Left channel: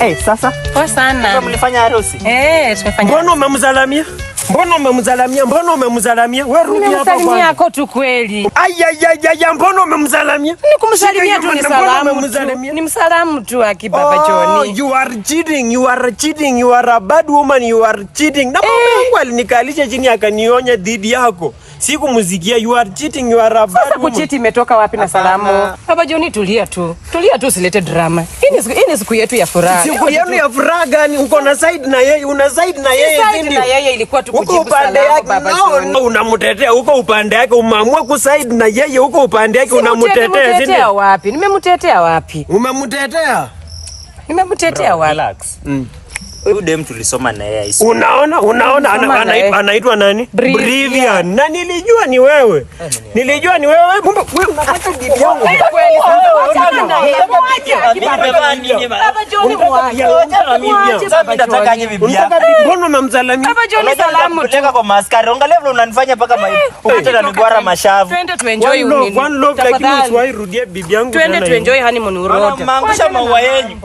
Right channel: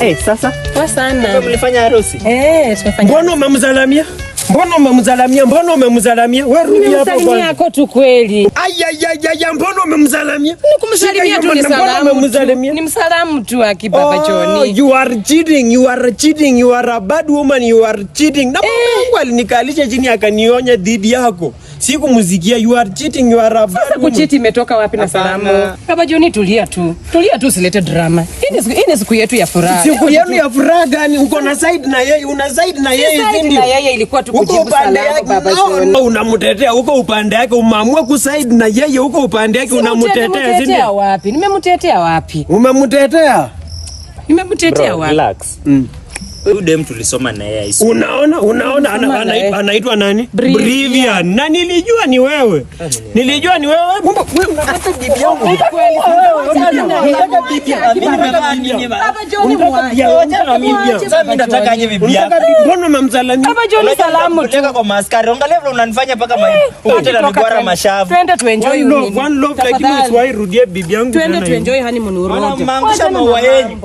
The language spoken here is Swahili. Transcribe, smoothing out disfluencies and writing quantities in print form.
Sasa. Poa sana. Sasa mlifanya harusi? Tumefanya. Mbona umemzalamia? Mbona umemzalamia? Wewe rudi hapa kwanza. Nimemsalimia yako tu kweli. Aya, mbona umemzalamia? Nikumsalimia tu ni salamu. Ni msalamu tu akibaba Joni. You are cheating. You are a bad woman. You are cheating. Na mama yangu alinikalisha chini akanionya dhidi yako. Sikumsikia. You are cheating. You are a bad woman. Sasa kuchiti imetoka wapi na salamu? Baba Joni, tulia tu. Usilete drama. Hii ni siku yetu ya furaha. Siku yenu ya furaha gani? Uko na side na yeye, una side na yeye ndio. Na yeye ilikuwa tu uko upande yake baba Joni. Unamtetea huko upande yake, umeamua kuside na yeye huko upande yake unamtetea. Nimemtetea wapi? Umemtetea? Relax. Huyu dem tulisoma na yeye. Unaona anaitwa nani? Brivian. Na nilijua ni wewe. Wewe unataka bibi yangu. Baba Joni mwaje. Sasa nataka aje bibi yako. Mbona umemzalamia? Baba Joni salamu tu. Kwa maskari. Angalia vile unanifanya paka ukitaka nigwara mashavu. Twende tu enjoy one love lakini usiwahi rudia bibi yangu. Twende tu enjoy honeymoon urudi. Anaangusha maua yenu.